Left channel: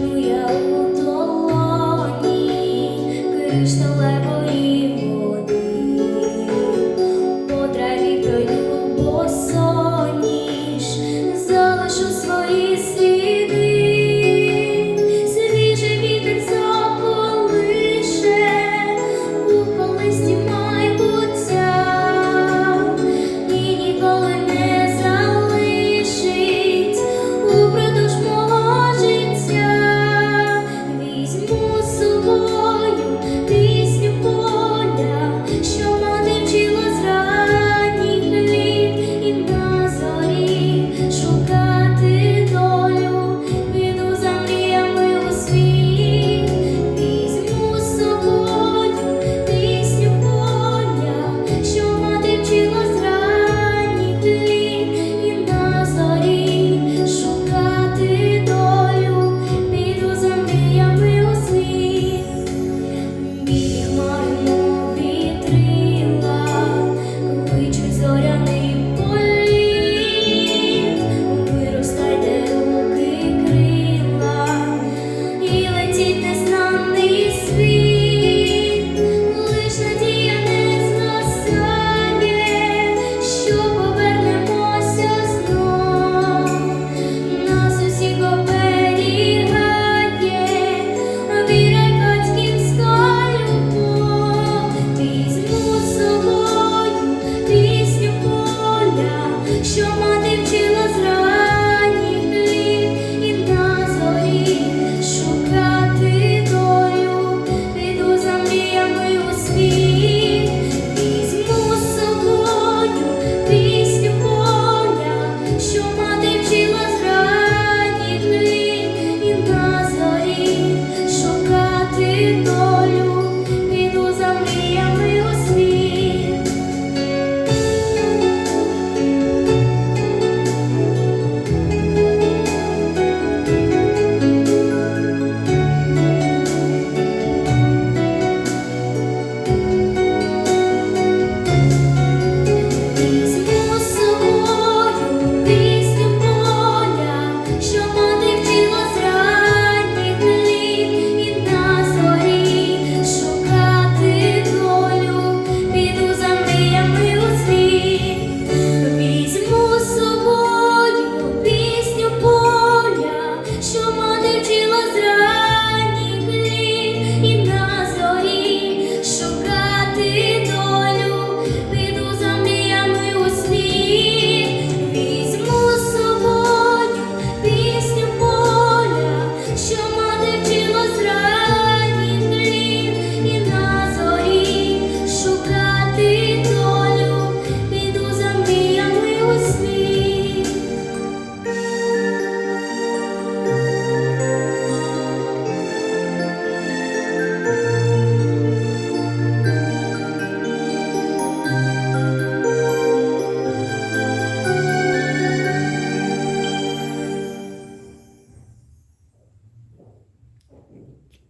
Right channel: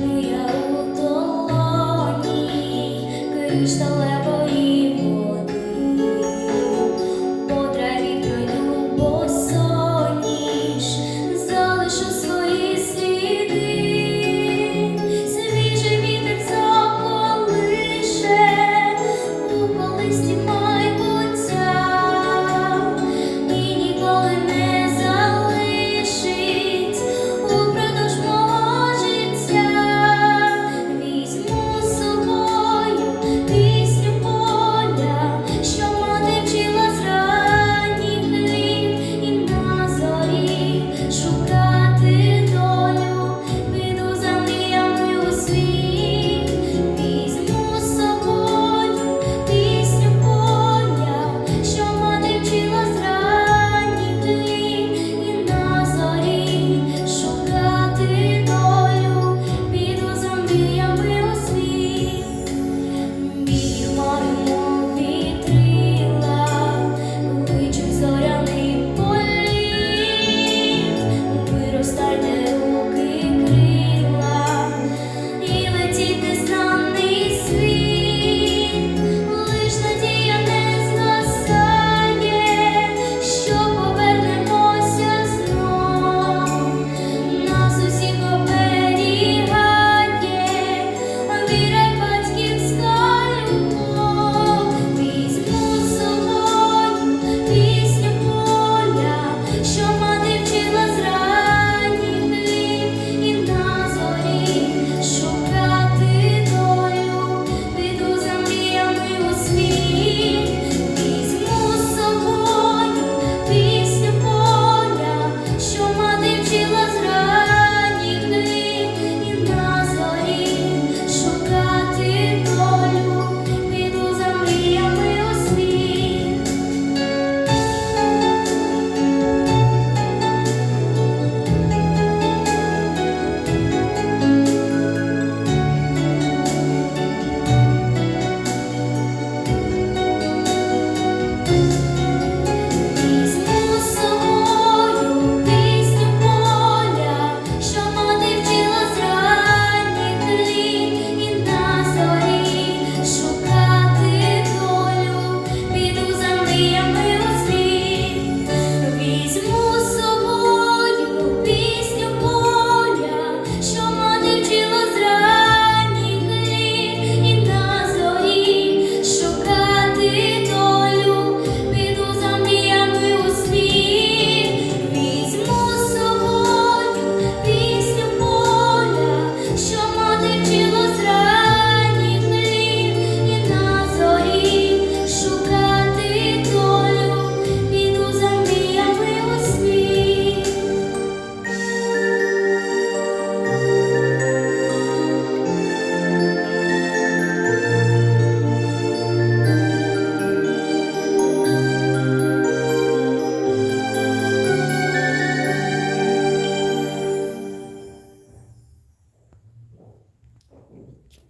Йду я у долоні, крізь далеко.